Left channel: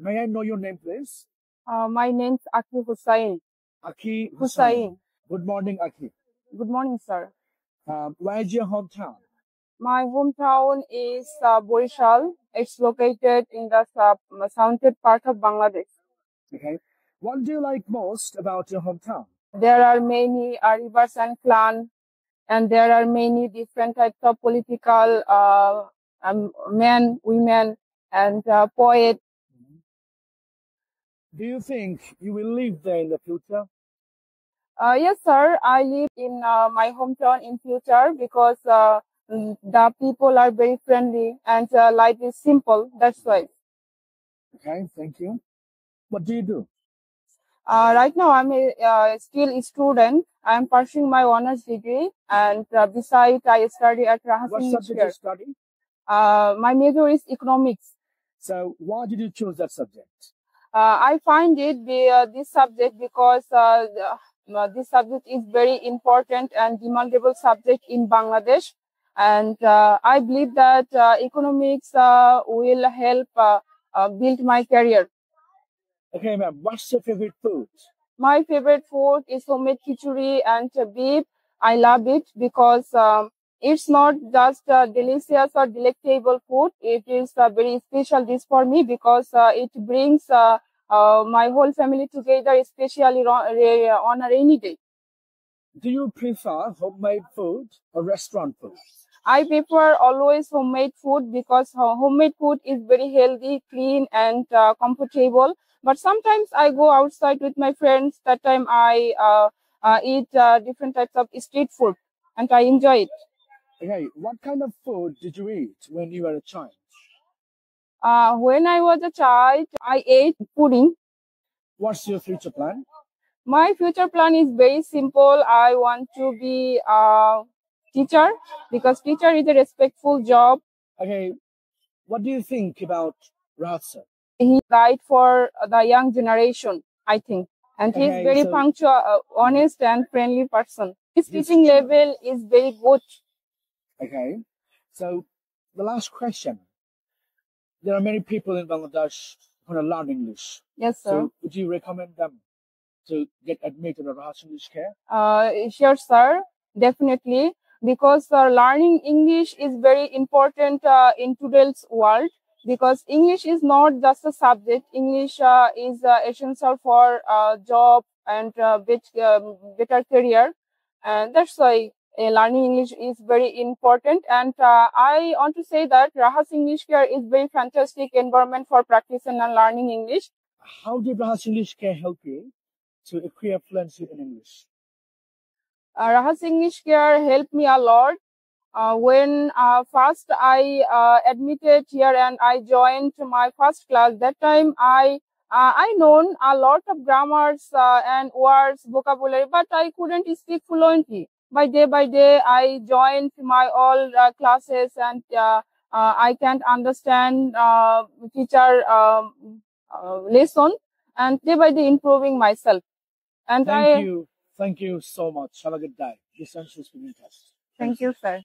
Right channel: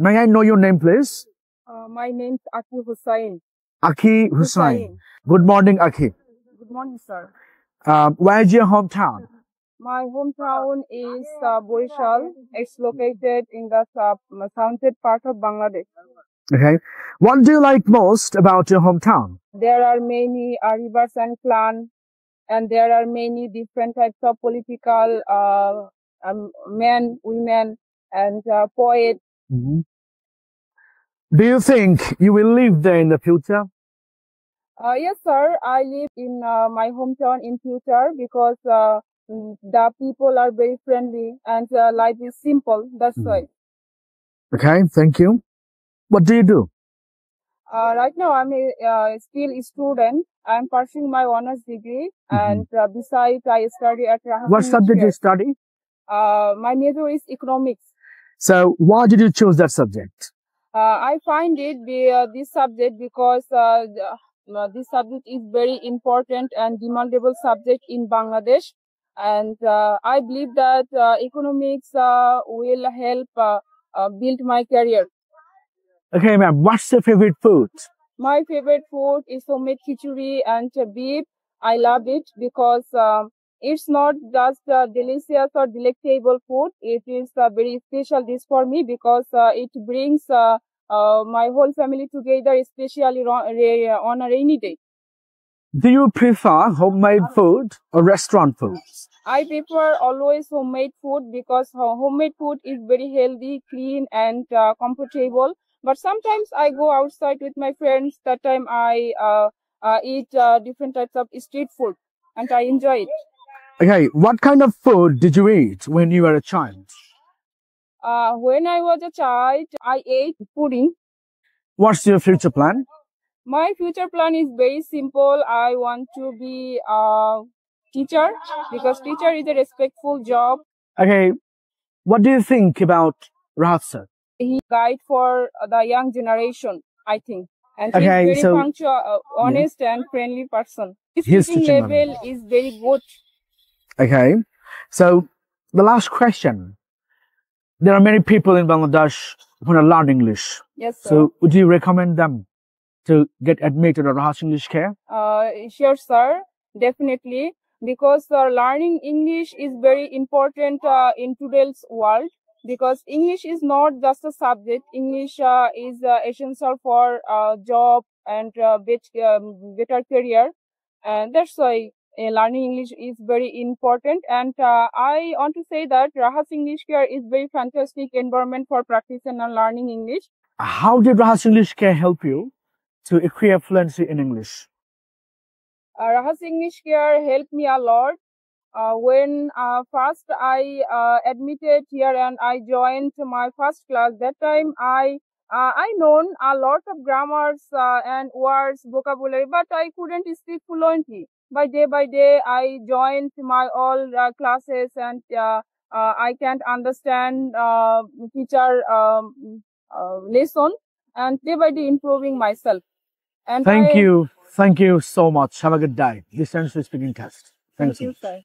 May I know your name, please? My name's Aki Hussain. Aki Hussain. Good morning, Aki. Good morning, sir. Where is your hometown? My hometown is Borishal. It's located in the southern part of Bangladesh. Okay. What do you like most about your hometown? There are many rivers and clans, and there are many different types of political men, women, and poets. Mhm. Do you think you will live there in the future? Yes, sir. I live in my hometown in future because the people are very friendly and life is simple. That's why. Okay, thank you. What do you do? Right now, I'm still a student. I'm pursuing my honors degree, and besides, I study at Rahas What subject do you study? My major is economics. So, why did you choose that subject? I find it this subject because this subject is very important and demandable subject in Bangladesh, and I believe that economics will help build my career. Okay, ma'am. What's your favorite food? My favorite food is homemade khichdi and beef. I love it because it's not just delicious or delectable food. It is a very special dish for me because it brings my whole family together, especially on a rainy day. Do you prefer homemade food or restaurant food? I prefer always homemade food because homemade food is very healthy, clean, and comfortable. But sometimes I go outside with my friends. That time I eat different types of street food, and I enjoy it. Okay, what kind of food did you eat when you were a child? When I was a child, I ate pudding. What's your future plan? My future plan is very simple. I want to be a teacher because teacher is a respectful job. Okay, what do you think about Rahat sir? He guide for the young generation, I think. And he's Okay, very so- punctual, honest and friendly person. His His teaching teaching level is very good. Okay, so the last question. There are many people in Bangladesh who want to learn English. Yes, sir. So would you recommend them to get admitted at Rahat English Care? Sure, sir. Definitely. Because learning English is very important in today's world. Because English is not just a subject. English is essential for job and better career. And that's why learning English is very important. And I want to say that Rahas English Care is very fantastic environment for practicing and learning English. How did Rahat English Care help you to acquire fluency in English? Rahas English Care helped me a lot. When first I admitted here and I joined my first class, that time I known a lot of grammars and words, vocabulary, but I couldn't speak fluently. By day, I joined my all classes and I can't understand teacher lesson, and day by day improving myself. And Thank you. Thank you so much. Have a good day. This ends the speaking test. Thank you, sir.